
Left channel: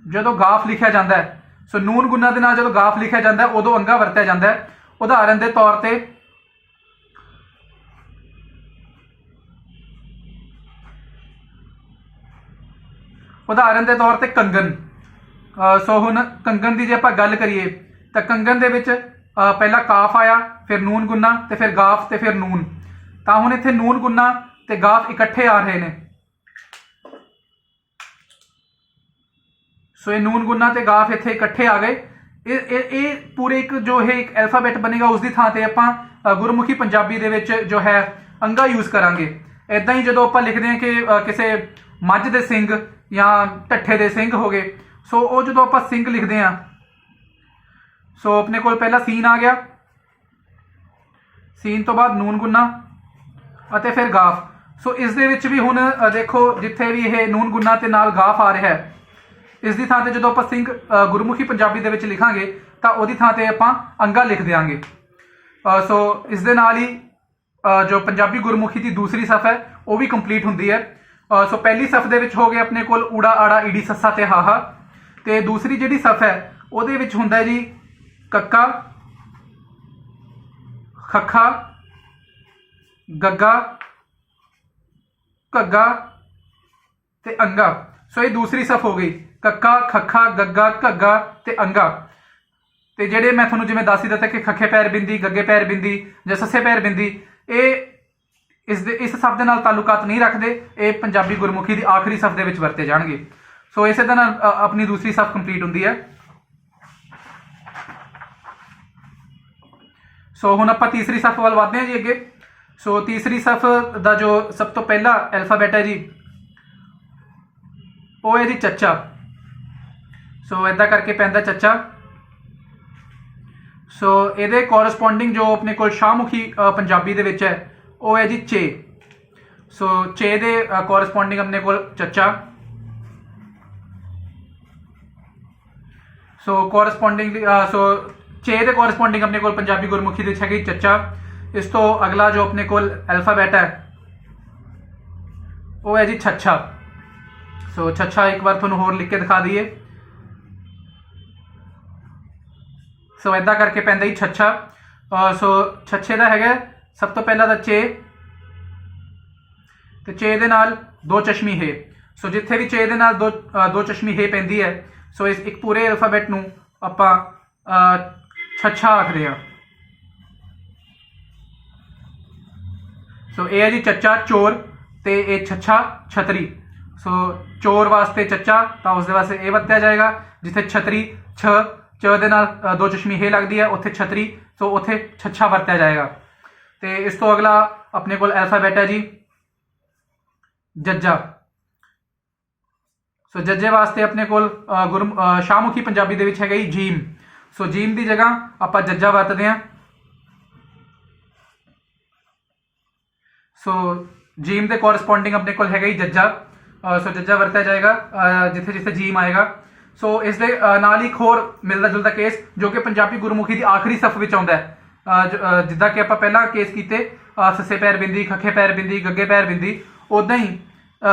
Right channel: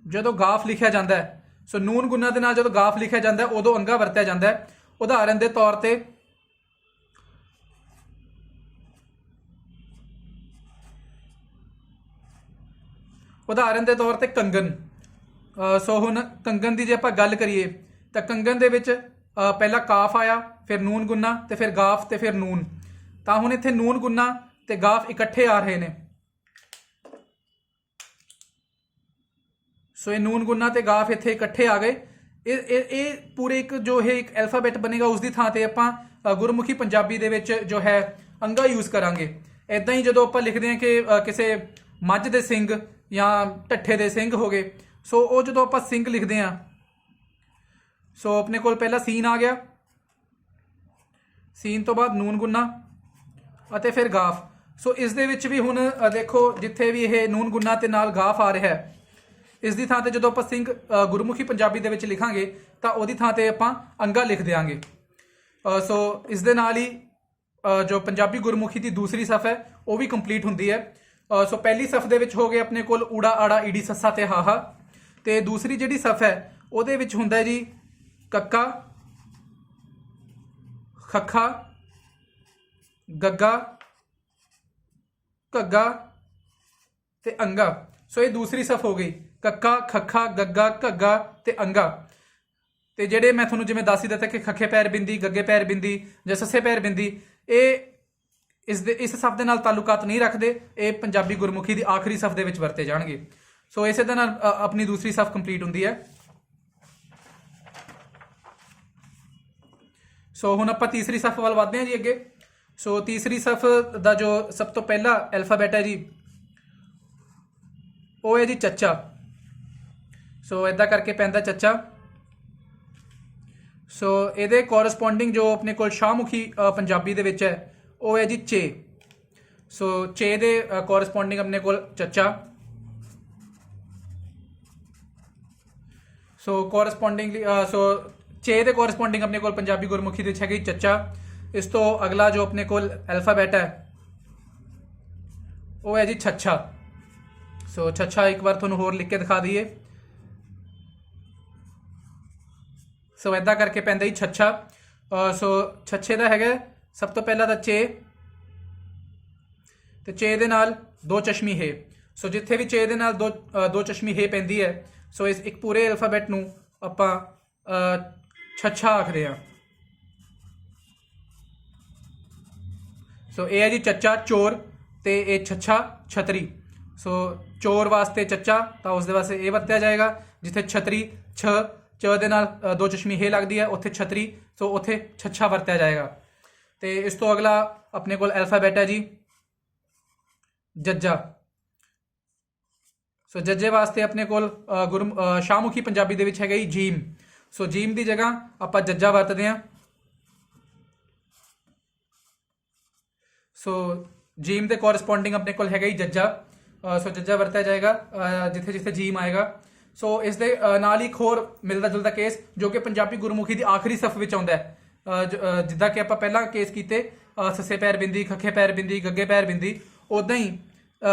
ਜਦੋਂ ਗਾਫ ਲਿਖਿਆ ਜਾਂਦਾ ਹੈ, ਸੋ ਨੂਨ ਗੁੰਨਾ ਦੇ ਨਾਲ ਜਦੋਂ ਗਾਫ ਲਿਖਿਆ ਜਾਂਦਾ ਹੈ ਉਦੋਂ ਅੰਗਾ ਵਰਤਿਆ ਜਾਂਦਾ ਹੈ। ਉਦਾਹਰਨ ਦੇ ਤੌਰ ਤੇ ਕੰਗਨ। ਸੋ ਹੁਣ ਕੰਗਨ ਦੀ ਜੇ ਆਪਾਂ ਗੱਲ ਕਰੀਏ ਤਾਂ ਕੰਗਨ ਦੇ ਵਿੱਚ ਪਹਿਲਾਂ ਕਾਫ ਆਇਆ, ਫਿਰ ਨੂਨ ਗੁੰਨਾ ਤੇ ਫਿਰ ਗਾਫ ਤੇ ਫਿਰ ਨੂਨ। ਤਾਂ ਹੁਣ ਇੱਥੇ ਨੂਨ ਗੁੰਨਾ ਤੇ ਗਾਫ ਇਕੱਠੇ ਆ ਰਹੇ ਨੇ। ਸੋ ਇਹ ਨੂਨ ਗੁੰਨਾ ਤੇ ਗਾਫ ਇੱਥੇ ਇਕੱਠੇ ਆ ਗਏ। ਇਹ ਪੂਰੇ ਇੱਕ ਜੋ ਇਹ ਇੱਕ ਐਲਫਾਬੈਟ ਬਣੇਗਾ, ਉਸ ਦੀ ਥਾਂ ਤੇ ਆਪਾਂ ਗੁਰਮੁਖੀ ਪੰਜਾਬੀ ਦੇ ਵਿੱਚ ਜੋ ਹੈ ਅੰਗਾ ਯੂਜ਼ ਕਰਾਂਗੇ। ਇੱਦਾਂ ਹੀ ਜਦੋਂ ਆਪਾਂ ਲਿਖਦੇ ਹਾਂ ਕਿ ਕਿਸੇ ਮੱਝ ਦੇ ਸਿੰਗ ਜਾਂ ਢੱਠੇ ਦੇ ਸਿੰਘ ਹੋ ਗਏ, ਸੋ ਉਹ ਜਦੋਂ ਆਪਾਂ ਸਿੰਘ ਲਿਖਦੇ ਹਾਂ, ਸੋ ਆਪਣੇ ਕੋਲ ਪਹਿਲਾਂ ਸੀਨ ਆ ਗਿਆ, ਸੀਨ ਤੋਂ ਬਾਅਦ ਨੂਨ ਗੁੰਨਾ ਅਤੇ ਫਿਰ ਗਾਫ। ਸੋ ਇਸ ਦੇ ਵਿੱਚ ਵੀ ਹੁਣ ਦੇਖੋ ਜਿੱਥੇ ਵੀ ਇਹ ਨੂਨ ਗੁੰਨਾ ਤੇ ਨਾਲ ਗਾਫ ਆ ਰਿਹਾ ਹੈ, ਇਸ ਦੀ ਥਾਂ ਤੇ ਜਦੋਂ ਆਪਾਂ ਸਿੰਘ ਗੁਰਮੁਖੀ ਪੰਜਾਬੀ ਦੇ ਵਿੱਚ ਲਿਖਾਂਗੇ ਤਾਂ ਉਹਦੀ ਥਾਂ ਤੇ ਆਪਾਂ ਅੰਗਾ ਲਿਖ ਦਿਆਂਗੇ। ਸੋ ਇਸ ਦੇ ਨਾਲ ਹੀ ਜੋ ਪੰਜਾਬੀ ਗੁਰਮੁਖੀ ਦੀ ਦੂਸਰੀ ਸਫ ਹੈ ਉਹ ਵੀ ਕੰਪਲੀਟ ਹੁੰਦੀ ਹੈ। ਸੋ ਪਹਿਲੀ ਸਫ ਦੇ ਵਿੱਚ ਹੋ ਗਏ ਆਪਣੇ ਕੋਲ ਊੜਾ ਆੜਾ ਈੜੀ ਸੱਸਾ ਤੇ ਹਾਹਾ, ਤੇ ਦੂਸਰੀ ਜਿਹੜੀ ਸਫ ਹੈ ਉਹਦੇ ਵਿੱਚ ਹੁੰਦਾ ਜੀ ਕੱਕਾ, ਖੱਖਾ, ਗੱਗਾ, ਘੱਗਾ ਤੇ ਅੰਗਾ। ਸੋ ਇਹ ਦੂਸਰੀ ਸਫ ਹੋ ਗਈ, ਕੱਕਾ, ਖੱਖਾ, ਗੱਗਾ, ਘੱਗਾ ਤੇ ਅੰਗਾ। ਤੇ ਜਿਹੜੇ ਮੈਂ ਤੁਹਾਨੂੰ ਜਿਵੇਂ ਦੱਸ ਹੀ ਦਿੱਤਾ ਕਿ ਖੱਖੇ ਪੈਰ ਬਿੰਦੀ, ਗੱਗੇ ਪੈਰ ਬਿੰਦੀ ਜਾਂ ਸੱਸੇ ਪੈਰ ਬਿੰਦੀ, ਇਹ ਇਸ ਸਫ ਦੇ ਨਾਲ ਤਾਲੁਕਾਤ ਨਹੀਂ ਰੱਖਦੇ, ਇਹ ਪੰਜਾਬੀ ਗੁਰਮੁਖੀ ਦੀ ਆਖਰੀ ਸਫ ਦੇ ਵਿੱਚ ਵਰਤੇ ਜਾਣਗੇ। ਸੋ ਇਸੇ ਦੇ ਨਾਲ ਆਪਣੀ ਦੂਸਰੀ ਸਫ ਕੰਪਲੀਟ ਹੁੰਦੀ ਹੈ। ਸੋ ਹੁਣ ਆਪਾਂ ਤੀਸਰੀ ਸਫ ਵੱਲ ਵਧਦੇ ਹਾਂ ਜੀ ਅੱਗੇ। ਸੋ ਤੀਸਰੀ ਸਫ ਦਾ ਜੋ ਸਭ ਤੋਂ ਪਹਿਲਾ ਐਲਫਾਬੈਟ ਹੈ ਜੀ ਉਹ ਹੈ ਜੀ ਚੱਚਾ। ਸੋ ਇੱਦਾਂ ਕਰਕੇ ਪੈਂਦਾ ਚੱਚਾ। ਸੋ ਇਹਦੇ ਕੋਰਸਪੋਂਡਿੰਗ ਜੋ ਆਪਣੇ ਕੋਲ ਸ਼ਾਹਮੁਖੀ ਪੰਜਾਬੀ ਦੇ ਵਿੱਚ ਹੈ ਉਹ ਹੈ ਜੀ ਚੇ। ਸੋ ਚੇ ਦੇ ਕੋਰਸਪੋਂਡਿੰਗ ਆਪਣੇ ਕੋਲ ਚੱਚਾ। ਸੋ ਕੋਰਸਪੋਂਡਿੰਗ ਸੋ ਚੇ ਦੇ ਕੋਰਸਪੋਂਡਿੰਗ ਆਪਣੇ ਕੋਲ ਪੰਜਾਬੀ ਗੁਰਮੁਖੀ ਦੇ ਵਿੱਚ ਹੈਗੀ ਚੱਚਾ। ਇਸ ਤੋਂ ਅਗਲਾ ਜੋ ਆਪਣੇ ਕੋਲ ਐਲਫਾਬੈਟ ਹੈ ਉਹ ਹੈ ਜੀ ਛੱਛਾ। ਸੋ ਛੱਛਾ ਇੱਕ ਵਾਰ ਤੁਹਾਨੂੰ ਹੋਰ ਲਿਖ ਕੇ ਦਿਖਾ ਦਈਏ। ਸੋ ਇੱਦਾਂ ਕਰਕੇ ਪੈਂਦਾ ਜੀ ਛੱਛਾ। ਸੋ ਛੱਛੇ ਦਾ ਹੈਗਾ ਸਭ ਤੋਂ ਪਹਿਲਾਂ ਦਾ ਚੇ, ਤੇ ਚੇ ਦੇ ਨਾਲ ਦੋ ਚਸ਼ਮੀ ਹੈ। ਸੋ ਜਿੱਥੇ ਵੀ ਚੇ ਦੇ ਨਾਲ ਦੋ ਚਸ਼ਮੀ ਹੈ ਪੈਂਦੀ ਹੈ, ਸੋ ਇਸ ਇੱਕ ਪੂਰੇ ਐਲਫਾਬੈਟ ਨੂੰ ਆਪਾਂ ਛੱਛਾ ਆਖਦੇ ਹਾਂ। ਸੋ ਇਹ ਹੈ ਜੀ ਚੱਚਾ ਚੋਰ, ਤੇ ਇਹ ਛੱਛਾ ਛਤਰੀ। ਸੋ ਚੋਰ ਵਾਸਤੇ ਚੱਚਾ ਤਾਂ ਉਸਦੇ ਵਾਸਤੇ ਇਹ ਵਰਤਿਆ ਜਾਏਗਾ। ਜਿੱਥੇ ਛਤਰੀ ਚ ਦੇ ਨਾਲ ਦੋ ਚਸ਼ਮੀ ਹੈ ਲੱਗਦੀ ਹੈ ਉੱਥੇ ਛਤਰੀ, ਸੋ ਉੱਥੇ ਛੱਛਾ ਵਰਤਿਆ ਜਾਏਗਾ। ਤੇ ਇਸ ਤੋਂ ਅਗਲਾ ਆਪਣੇ ਕੋਲ ਐਲਫਾਬੈਟ ਹੈ ਜੀ ਜੱਜਾ। ਸੋ ਜੱਜੇ ਵਾਸਤੇ ਆਪਣੇ ਕੋਲ ਸ਼ਾਹਮੁਖੀ ਪੰਜਾਬੀ ਦੇ ਵਿੱਚ ਹੈਗਾ ਜੀ ਜੀਮ। ਸੋ ਜੀਮ ਦੀ ਜਗ੍ਹਾ ਆਪਾਂ ਜੱਜਾ ਵਰਤਦੇ ਹਾਂ। ਸੋ ਜੀਮ ਦੇ ਕੋਰਸਪੋਂਡਿੰਗ ਆਪਣੇ ਕੋਲ ਹੈਗਾ ਜੀ ਜੱਜਾ। ਸੋ ਜੱਜਾ ਵਰਤਿਆ ਜਾਏਗਾ ਜਿੱਥੇ ਜਿੱਥੇ ਜੀਮ ਆਏਗਾ। ਸੋ ਇਸ ਦੇ ਨਾਲ ਹੀ ਇੱਕ ਹੋਰ ਮਿਲਦਾ ਜੁਲਦਾ ਕੇਸ ਜੋ ਕਿ ਪੰਜਾਬੀ ਗੁਰਮੁਖੀ ਦੀ ਆਖਰੀ ਸਫ ਵਿੱਚ ਆਉਂਦਾ ਹੈ, ਜਿੱਦਾਂ ਕਿ ਆਪਾਂ ਪਹਿਲਾਂ ਕੇਸ ਕੀਤੇ ਸੱਸੇ ਪੈਰ ਬਿੰਦੀ, ਖੱਖੇ ਪੈਰ ਬਿੰਦੀ, ਗੱਗੇ ਪੈਰ ਬਿੰਦੀ, ਉੱਦਾਂ ਹੀ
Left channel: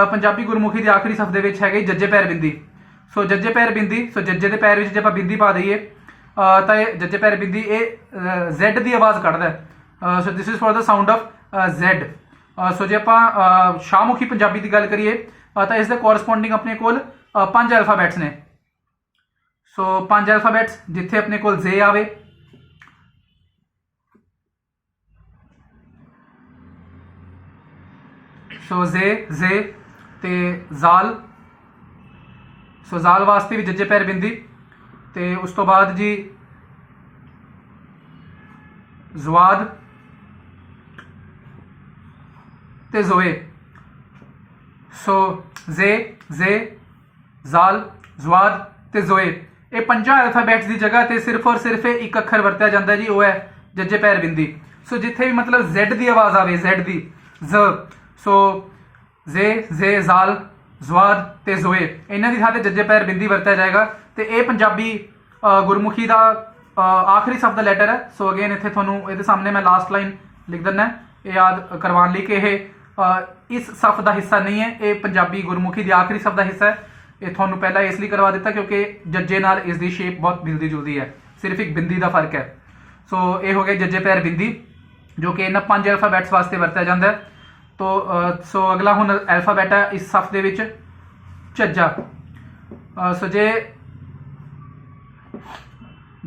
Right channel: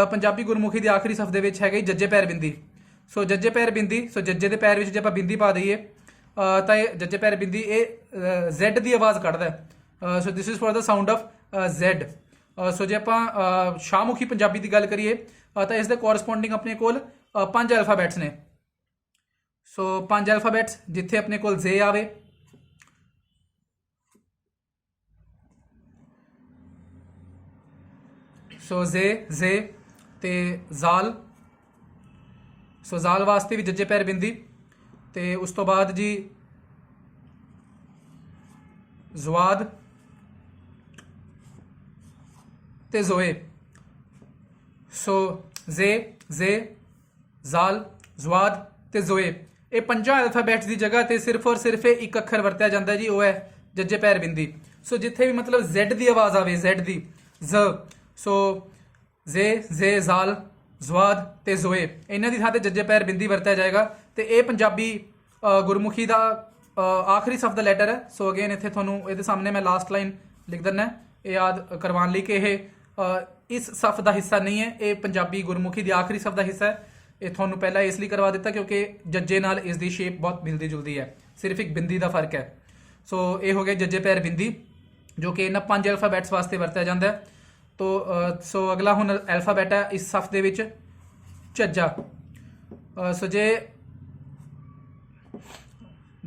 ਪੰਜਾਬੀ ਗੁਰਮੁਖੀ ਦੀ ਆਖਰੀ ਸਫ ਦੇ ਵਿੱਚ ਹੈਗੇ ਜੱਜੇ ਪੈਰ ਬਿੰਦੀ। ਸੋ ਜੱਜੇ ਪੈਰ ਬਿੰਦੀ, ਸੋ ਜੱਜੇ ਦੇ ਪੈਰ ਵਿੱਚ ਜੇ ਆਪਾਂ ਬਿੰਦੀ ਪਾ ਦਈਏ ਤਾਂ ਇਹ ਜੱਜੇ ਪੈਰ ਬਿੰਦੀ ਇਹ ਜ਼ੈਡ ਦੀ ਆਵਾਜ਼ ਕੱਢਦਾ ਹੈ। So this is for the sound of Z. So ਜੇ ਆਪਾਂ ਸ਼ਾਹਮੁਖੀ ਪੰਜਾਬੀ ਦੀ ਗੱਲ ਕਰੀਏ ਤਾਂ ਇਸ ਦੇ ਕੋਰਸਪੋਂਡਿੰਗ ਆਪਣੇ ਕੋਲ 5 ਐਲਫਾਬੈਟਸ ਨੇ। ਸੋ 5 ਐਲਫਾਬੈਟਸ ਜਿੱਥੇ ਆਪਣੇ ਕੋਲ ਜ਼ੇ ਆਵੇ, ਸੋ ਜ਼ੇ ਤੇ ਜ਼ਾਲ। ਸੋ ਜ਼ਾਲ ਵਾਸਤੇ ਵੀ ਜੱਜੇ ਪੈਰ ਬਿੰਦੀ, ਤੇ ਉਸ ਤੋਂ ਬਾਅਦ ਜੀ ਜ਼ਵਾਦ ਤੇ ਜ਼ੋਏ। ਸੋ ਜ਼ੇ ਜ਼ਾਲ, ਜ਼ਵਾਦ ਤੇ ਜ਼ੋਏ, ਇਹ 5 ਐਲਫਾਬੈਟਸ ਦੀ ਜਗ੍ਹਾ ਤੇ ਸਿਰਫ ਔਰ ਸਿਰਫ ਇੱਕ ਅੱਖਰ ਵਰਤਿਆ ਜਾਂਦਾ ਜੀ, ਉਹ ਹੈ ਜੱਜੇ ਪੈਰ ਬਿੰਦੀ। ਸੋ ਜਿੱਥੇ ਵੀ ਮਤਲਬ ਜ਼ੈਡ ਦੀ ਆਵਾਜ਼ ਆਵੇ, ਜ਼ੈਡ ਦੀ ਜ਼, ਸੋ ਜ਼ੇ ਜ਼ਾਲ, ਜ਼ਵਾਦ ਤੇ ਜ਼ੋਏ, ਇਹਨਾਂ ਦੀ ਥਾਂ ਤੇ ਜੱਜੇ ਪੈਰ ਬਿੰਦੀ ਵਰਤਿਆ ਜਾਏਗਾ। ਤੇ ਇਹ ਪੰਜਾਬੀ ਗੁਰਮੁਖੀ ਦਾ ਆਖਰੀ ਸਫ ਦਾ ਲੈਟਰ ਹੈ। ਸੋ ਅਗੇਨ ਇੱਥੇ ਤੁਹਾਨੂੰ ਇਹਦੇ ਸਾਹਮਣੇ ਮੈਂ ਲਾਸਟ ਲਾਈਨ ਲਿਖ ਦਿੰਦਾ ਇਹ ਯਾਦ ਕਰਵਾਉਣ ਲਈ ਕਿ ਇਹ ਇਸ ਸਫ ਦਾ ਹਿੱਸਾ ਨਹੀਂ ਹੈ, ਇਹ ਪੰਜਾਬੀ ਗੁਰਮੁਖੀ ਦੀ ਆਖਰੀ ਸਫ ਦਾ ਹਿੱਸਾ ਹੈ। ਇਹ ਤੁਹਾਨੂੰ ਪਹਿਲਾਂ ਇਸ ਲਈ ਕਰਵਾ ਦਿੱਤਾ ਕਿਉਂਕਿ ਜੱਜੇ ਨਾਲ ਇਸ ਦੀ ਸ਼ੇਪ ਬਹੁਤ ਮਿਲਦੀ ਜੁਲਦੀ ਹੈ, ਸਿਰਫ ਇੱਕ ਬਿੰਦੀ ਦਾ ਫਰਕ ਹੈ। ਸੋ ਇਹ ਹੋ ਗਿਆ ਜੱਜੇ ਪੈਰ ਬਿੰਦੀ ਜੋ ਕਿ ਇਹਨਾਂ 5 ਐਲਫਾਬੈਟਸ ਵਾਸਤੇ ਵਰਤਿਆ ਜਾਂਦਾ ਹੈ। ਸੋ ਅਗਲਾ ਹੁਣ ਐਲਫਾਬੈਟ ਹੈ ਇਸ ਸਫ ਦੇ ਵਿੱਚ ਝੱਜਾ। ਸੋ ਜੇ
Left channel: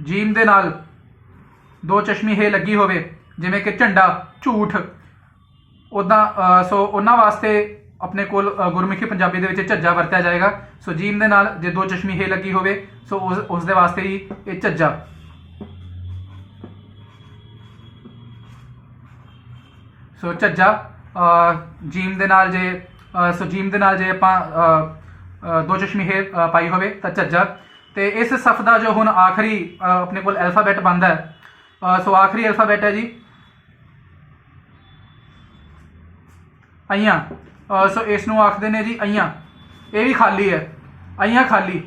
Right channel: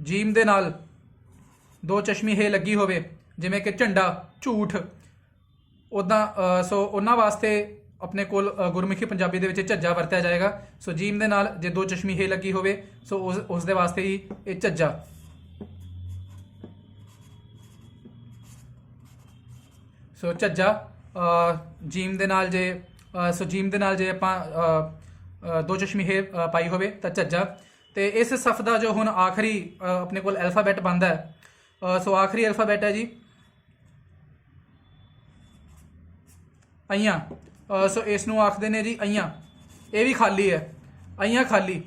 ਜੀਮ ਦੇ ਨਾਲ ਦੋ ਚਸ਼ਮੀ ਹੈ ਲੱਗੀ ਹੋਵੇ ਜਿਵੇਂ ਕਿ ਝੰਡਾ, ਝੂਠ, ਉੱਦਾਂ ਸੋ ਉਹਨਾਂ ਵਾਸਤੇ ਆਪਣੇ ਕੋਲ ਗੁਰਮੁਖੀ ਪੰਜਾਬੀ ਦੇ ਵਿੱਚ ਝੱਜਾ ਵਰਤਿਆ ਜਾਏਗਾ। ਸੋ ਜੀਮ ਦੇ ਨਾਲ ਜੇ ਦੋ ਚਸ਼ਮੀ ਹੈ ਲੱਗੀ ਹੋਵੇ ਸੋ ਉਸ ਦੇ ਵਾਸਤੇ ਹੀ ਇਹ ਝੱਜਾ। ਸੋ ਝੱਜਾ ਜੀਮ ਦੇ ਨਾਲ ਜੇ ਜੀਮ ਦੇ ਨਾਲ ਜੇ ਆਪਾਂ ਦੋ ਚਸ਼ਮੀ ਹੈ ਪਾਈ ਹੋਵੇ ਤਾਂ ਝੱਜਾ। ਤੇ ਇਸ ਸਫ ਦਾ ਜੋ ਹੁਣ ਆਖਰੀ ਆਪਣੇ ਕੋਲ ਐਲਫਾਬੈਟ ਬਣਦਾ ਹੈ, ਸੋ ਆਖਰੀ ਐਲਫਾਬੈਟ ਹੈ ਜੀ ਅਈਆਂ। ਸੋ ਇਸ ਨੂੰ ਆਖਦੇ ਨੇ ਜੀ ਅਈਆਂ। ਇਹ ਵੀ ਖਾਲੀ ਹੈ, ਅਈਆਂ ਖਾਲੀ।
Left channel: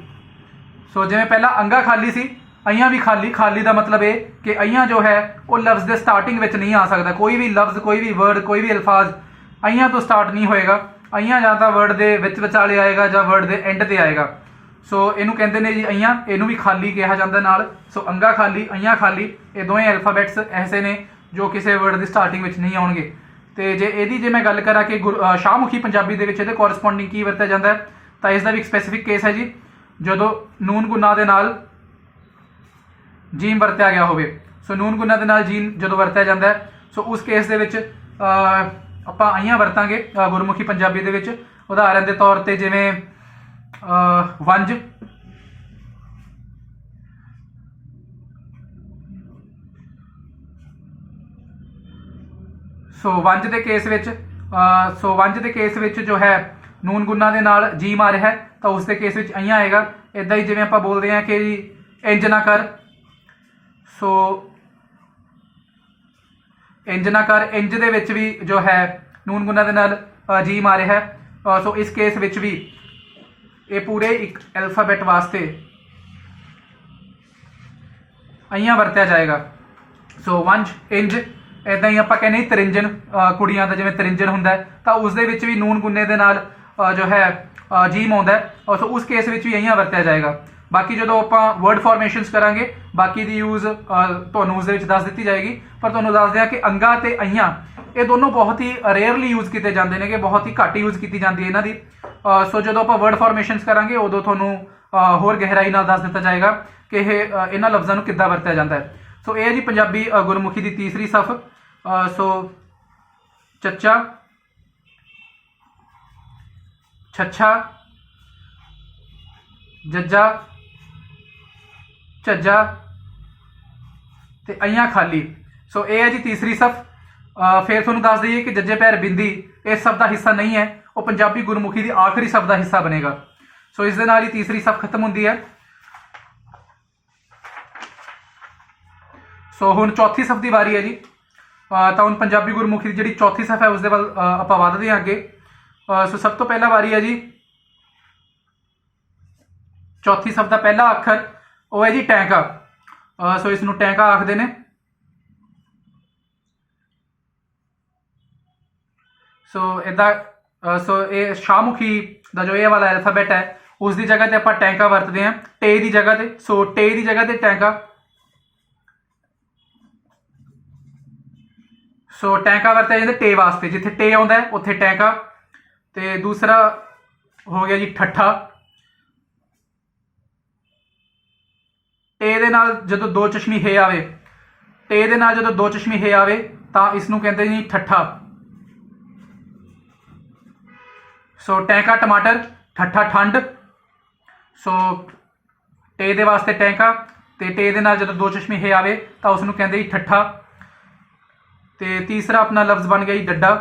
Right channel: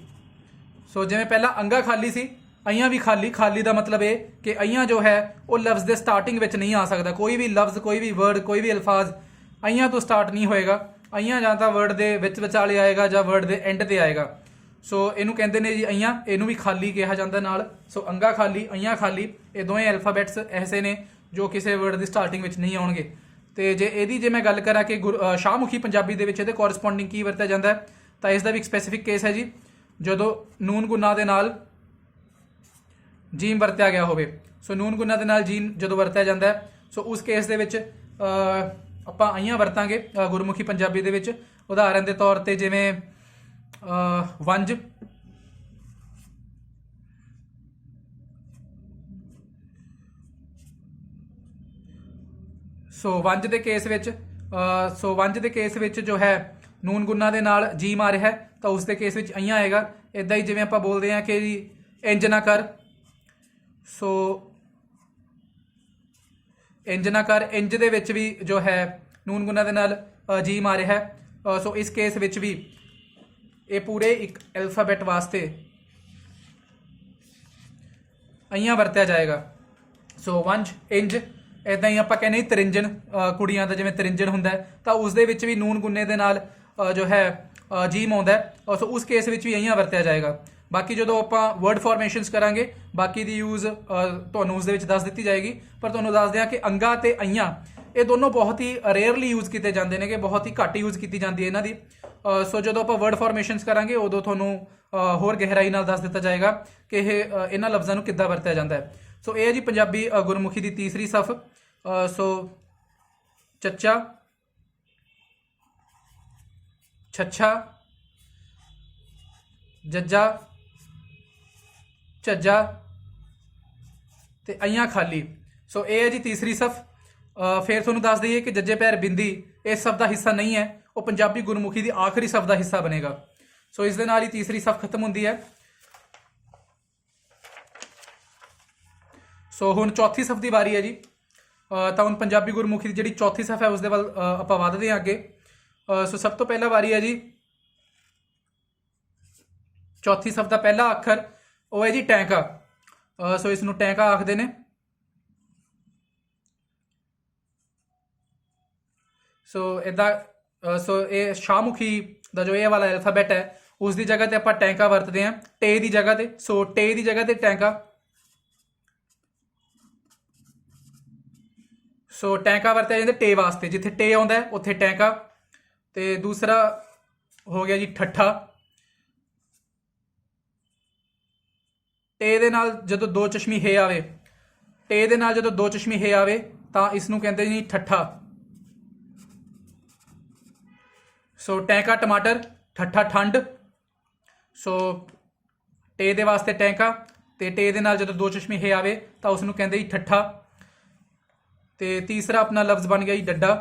ਸੋ ਜਿਵੇਂ ਪਹਿਲਾਂ ਅੰਗਾ ਖਾਲੀ ਸੀ, अइयां भी खाली, खाली का मतलब है कि अइयां जो है वो लफ्ज़ के स्टार्टिंग में नहीं आ सकता। कोई भी लफ्ज़, कोई भी वर्ड, कोई भी अल्फाज अइयां तो स्टार्ट नहीं होएगा। अइयां जां तां वर्ड के विचाले आएगा जां वर्ड के एंड ते आएगा। सो इनू कहते हैं जी अइयां, इनू भी खाली कहा जाता नाल। सो अंगा खाली, अइयां खाली, ये दोवें अल्फाबैट्स ऐसे ने जो किसी वर्ड की स्टार्टिंग में नहीं आउणगे। तो जे मैं गल करा कि शाहमुखी पंजाबी दे विच इहदे कोरसपोंडिंग की वरत्या जाता है, तो इसका भी एक स्पैसीफिक केस है जी, जदों नून गुना दे नाल जीम वरत्या गया होवे। सो नून गुना दे नाल जीम जदों वरत्या जाता है, सो उस केस दे विच आपां अइयां वरतांगे गुरमुखी पंजाबी दे विच। उदाहरण के तौर पर जिवें वंज, सो वंज के केस विच वंज के केस विच जो है नून गुना दे नाल जीम आ रहा है, तो उसके केस विच अइयां आएगा। इदां ही जिवें आपां बोलते हैं कि इंज ना कर, सो इंज ना कर, इंज दे विच भी जो है नून गुना दे नाल जीम आ रहा है। सो इस केस विच भी ये पूरे एक अल्फाबैट वास्ते अइयां वरत्या जाएगा। सो वंज, इंज, इदां ही आपां कहने तरिंजन, कुड़ियां दा जिवें तरिंजन हुंदा है, तो उस दे विच भी नून गुन्ने दे नाल जो है जीम आउंदा है, और सो उस केस विच भी अइयां वरत्या जाएगा। बाकी जो आपां वर्ड फॉर्मेशनस करांगे, बाकी दी यूज़ तुहानूं उस दे विच दस दित्ती जाएगी। पर तुहानूं दस दियां कि अंगा ते अइयां ये दोनों बहुत ही रेयरली यूज़ किए जाते हैं, कि बहुत ही घੱਟ यूज़ की जाती है इन्हां दी। सो जो आप वर्ड फॉर्मेशनस करांगे उदों तुहानूं होर गहराई नाल दस दिता जाएगा कि इन्हां लफ्ज़ां नूं किद्दां वरत्या जाता है। सो यह है जी पंजाबी गुरमुखी की तीसरी सफ। सो चच्चा, छच्छा, जज्जा, झज्जा ते अइयां खाली। सो यह है जी तीसरी सफ। फिर तुहानूं दस दईए कि जज्जे पैर बिंदी इस सफ का हिस्सा नहीं है, वो पंजाबी गुरमुखी की आखिरी सफ का हिस्सा बनेगा। सो इस दे नाल ही तीसरी सफ खत्म होंदी है। सो हुण चौथी सफ की वारी है जी। तो हुण पंजाबी गुरमुखी की जिहड़ी चौथी सफ है उसदे वल आपां वधदे हां अगे। सो सब तो पहला वारी है जी, चौथी सफ का पहला अखर वो है जी टैंका। सो इसनूं टैंका आखदे ने। सो इदा सो ये शाहमुखी का जो ये वाला अल्फाबैट है उसकी जगह पर आप टैंका वरतते हैं, टे की जगह पर। सो टे की जगह पर टैंका। सो टैंका वरत्या जाता टे वास्ते, जिथे टे आता है उत्थे टैंका। तो दूसरा हो गया जी ठट्ठा। टे दे नाल जदों दो चश्मी हे आवे, टे दे नाल जदों दो चश्मी हे आवे तो इसनूं कहते जी ठट्ठा। सो टैंका टमाटर, ठट्ठा ठंड। सो टे दे वास्ते टैंका, तो टे दे नाल जदों दो चश्मी हे आवे तो उसनूं कहते जी ठट्ठा। तो तीसरा अपना लफ्ज़ बन गया जी डड्डा।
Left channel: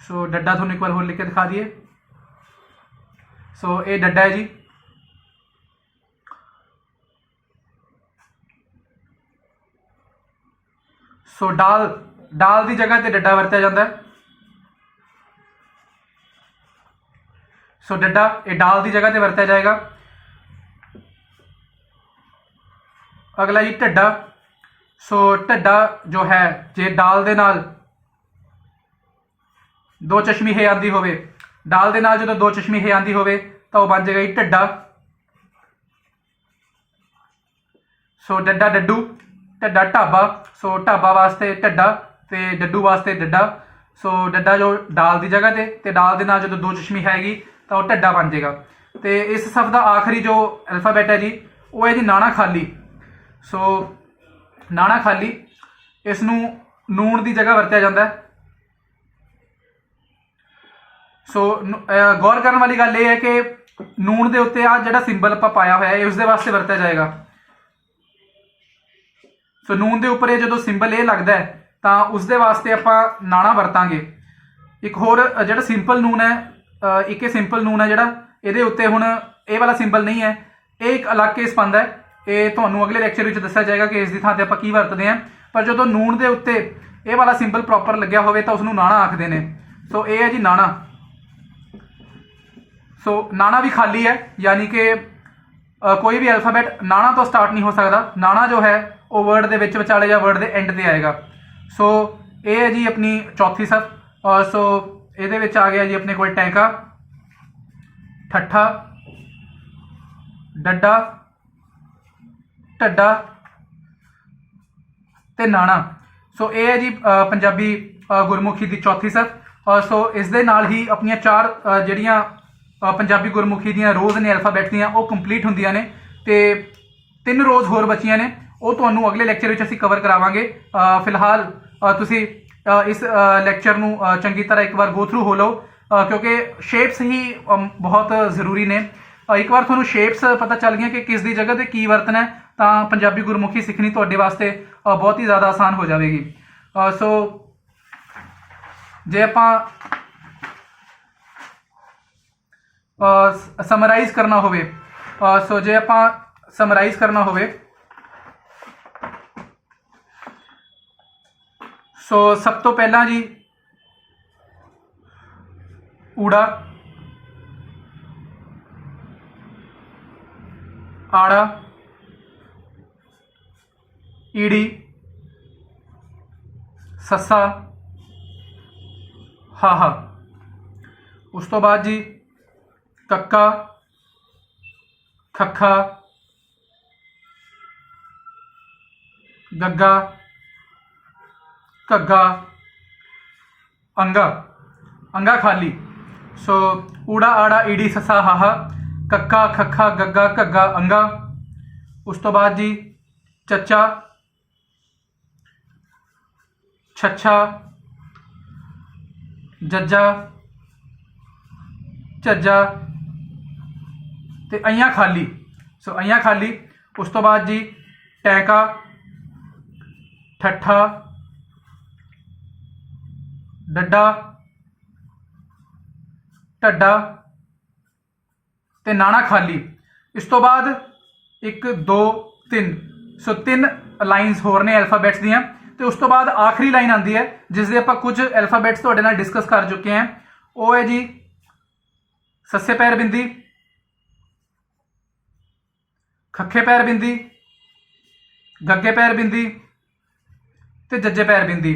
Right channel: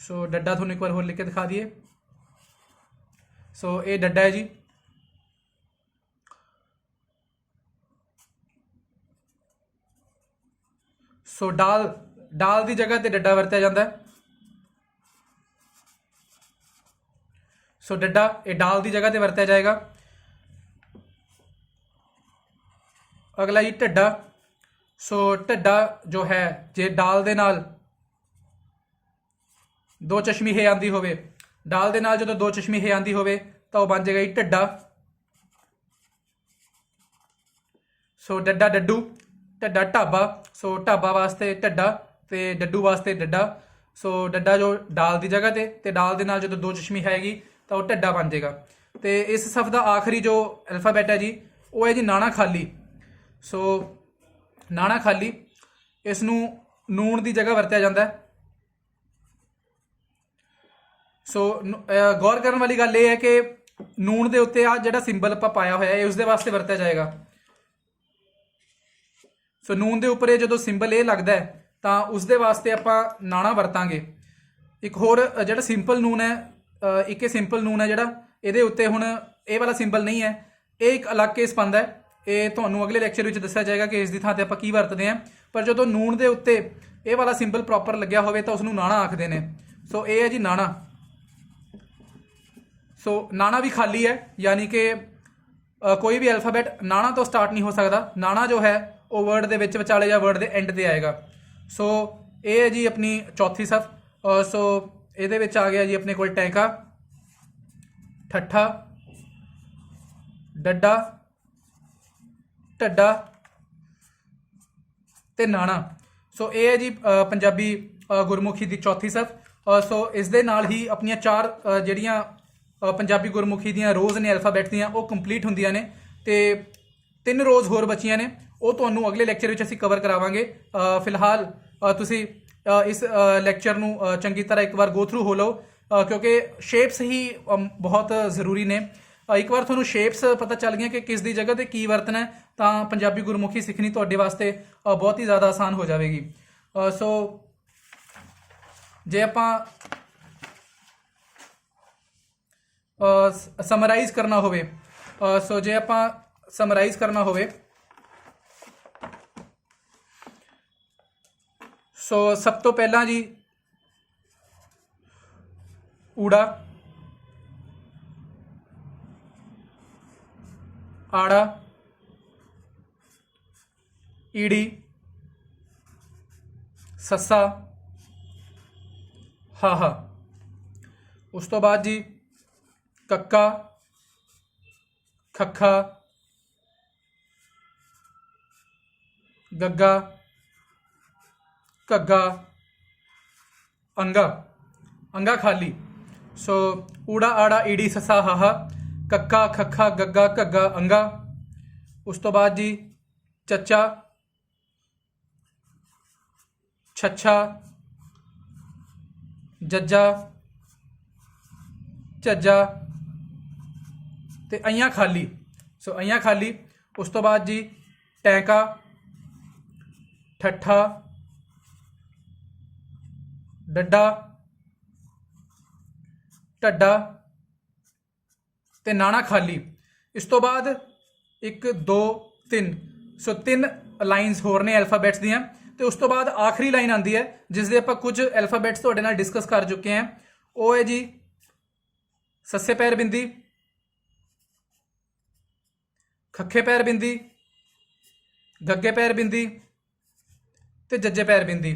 सो डड्डा थोड़ा एक बार होर लिख के दिखा दिए। सो ये डड्डा है जी। सो डाल, डाल की जगह पर डड्डा वरत्या जाता है। सो डड्डा ये डाल की जगह पर वरत्या जाएगा। अगला जी ढड्डा। सो ढड्डा जो है जे डाल दे नाल दो चश्मी हे आंदी होवे, डाल दे नाल जो दो चश्मी हे आंदी होवे तो बन जाएगा जी ढड्डा। सो डड्डा डड्डू, ढड्डा ढाबा। सो ढाबा वास्ते ढड्डा ते डड्डू वास्ते डड्डा। सो डड्डा जो डाल की जगह ते डाल दे नाल जो दो चश्मी हैगी तो ढड्डा बन जाएगा। तो इस सफ का आखिरी जो अल्फाबैट है जी वो है जी नाणा खाली। सो नाणा खाली, इसनूं नून की जगह वरत्या जाता है। सो गौर करने वाली गल यह है कि नून के उत्ते आ जिहड़ा सिंबल आपां पाया होया है उसदे वास्ते वरत्या जाएगा। सो नून के उपर जो सिंबल ये लगता है तो उसदे वास्ते आपां नाणा वरतांगे। एक होर जिहड़ा सिंपल नून है, एक सिंपल नून है जिहड़ा इहदे उत्ते हुण ये वाला सिंबल नहीं है, ये एक अलग केस पांदा है। ये तुहानूं अगले लैक्चर में दस्सिया जाएगा कि इसकी थां ते आपां की वरतदे हैं। पर जो नून के उत्ते ये वाला सिंबल प्रॉपर लग्या होवे तो उसनूं नाणा आखदे ने। सो ये है जी नाणा। सो नाना भी खाली है, यानी कि कोई भी अल्फाबैट नाना तो स्टार्ट नहीं हो सकता। नाना जो है वो वर्ड के विचाले या वर्ड के एंड से आएगा। सो ये है जी अपनी चौथी सफ। सो ये आ गया जी अपने को टैंका, ठट्ठा, डड्डा, ढड्डा ते नाना। सो ये है जी पंजाबी गुरमुखी की चौथी सफ। सो इस दे नाल ही अपनी चार जड़ियाँ पंजाबी गुरमुखी दियाँ रोज़ ने अल्फाबैट दियाँ वो कंप्लीट होंदियां ने, ते 3 रोज़ होर बचियां ने, वो तुहानूं अगले लैक्चर में असीं कवर करावांगे। फिलहाल तुसीं इस लैक्चर नूं चंगी तरह एक बार गो थ्रू हो लो, क्योंकि शेप्स ही बहुत ज़रूरी ने। एक बार तुहानूं शेप्स पता चल गया कि किस दी जगह ते की वरतना है, तो पंजाबी गुरमुखी सीखनी तुहाडे वास्ते बहुत ही ज़्यादा आसान हो जाएगी। सो जे आपां समराइज करना होवे, सो जे आपां समराइज करना होवे, सो सब तो पहला जी ऊड़ा, आड़ा, ईड़ी, सस्सा, हाहा। उस तो बाद जी कक्का, खखा, गग्गा, घग्गा, अंगा। अंगा खाली। सो ऊड़ा, आड़ा, ईड़ी, ससा, हाहा, कक्का, खखा, गग्गा, घग्गा, अंगा। उस तो बाद जी चच्चा, छच्छा, जज्जा, झज्जा ते अइयां खाली। सो अइयां खाली। उस तो बाद जी टैंका, ठट्ठा, डड्डा, ढड्डा ते नाना खाली। इस तो बाद 1 2 3, सो 3 लाइनस होर ने अल्फाबैट्स दियां, तो उस तो बाद आखिरी लाइन आती है जिसदे आपां कुछ अल्फाबैट्स तुहाडे नाल डिस्कस कर चुके हैं। वो है जी सस्से पैर बिंदी, खखे पैर बिंदी, गग्गे पैर बिंदी ते जज्जे पैर बिंदी।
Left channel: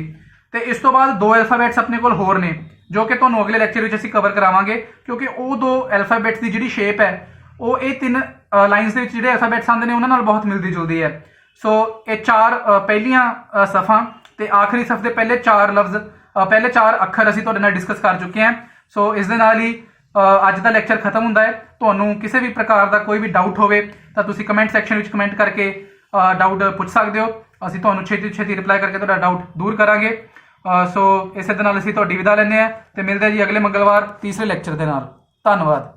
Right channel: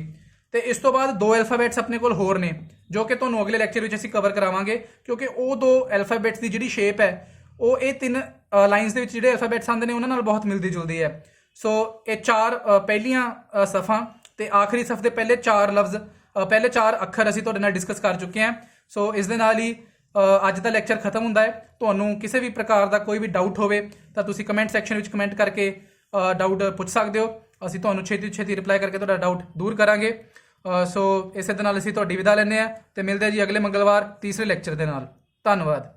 ते इस तो बाद 2 अल्फाबैट्स अपने कोल होर ने जो कि तुहानूं अगले लैक्चर में असीं कवर करावांगे, क्योंकि वो 2 अल्फाबैट्स की जिहड़ी शेप है वो ये 3 लाइनस दे विच जिहड़े अल्फाबैट्स आंदे ने उन्हां नाल बहुत मिलदी जुलदी है। सो ये 4 पहलियां सफ़ां ते आखिरी सफ दे पहले 4 लफ्ज़, पहले 4 अखर असीं तुहाडे नाल डिस्कस कर चुके हैं। सो इस दे नाल ही अज का लैक्चर खत्म होंदा है। तुहानूं किसी भी प्रकार का कोई भी डाउट होवे तां तुसीं कमेंट सैक्शन में कमेंट करके डाउट पुछ सकते हो। असीं तुहानूं छेती छेती रिप्लाई करके तुहाडा डाउट दूर करांगे। सो इस दे नाल असीं तुहाडी विदा लैंदे हां ते मिलदे जी अगले मंगलवार तीसरे लैक्चर दे नाल। धन्नवाद।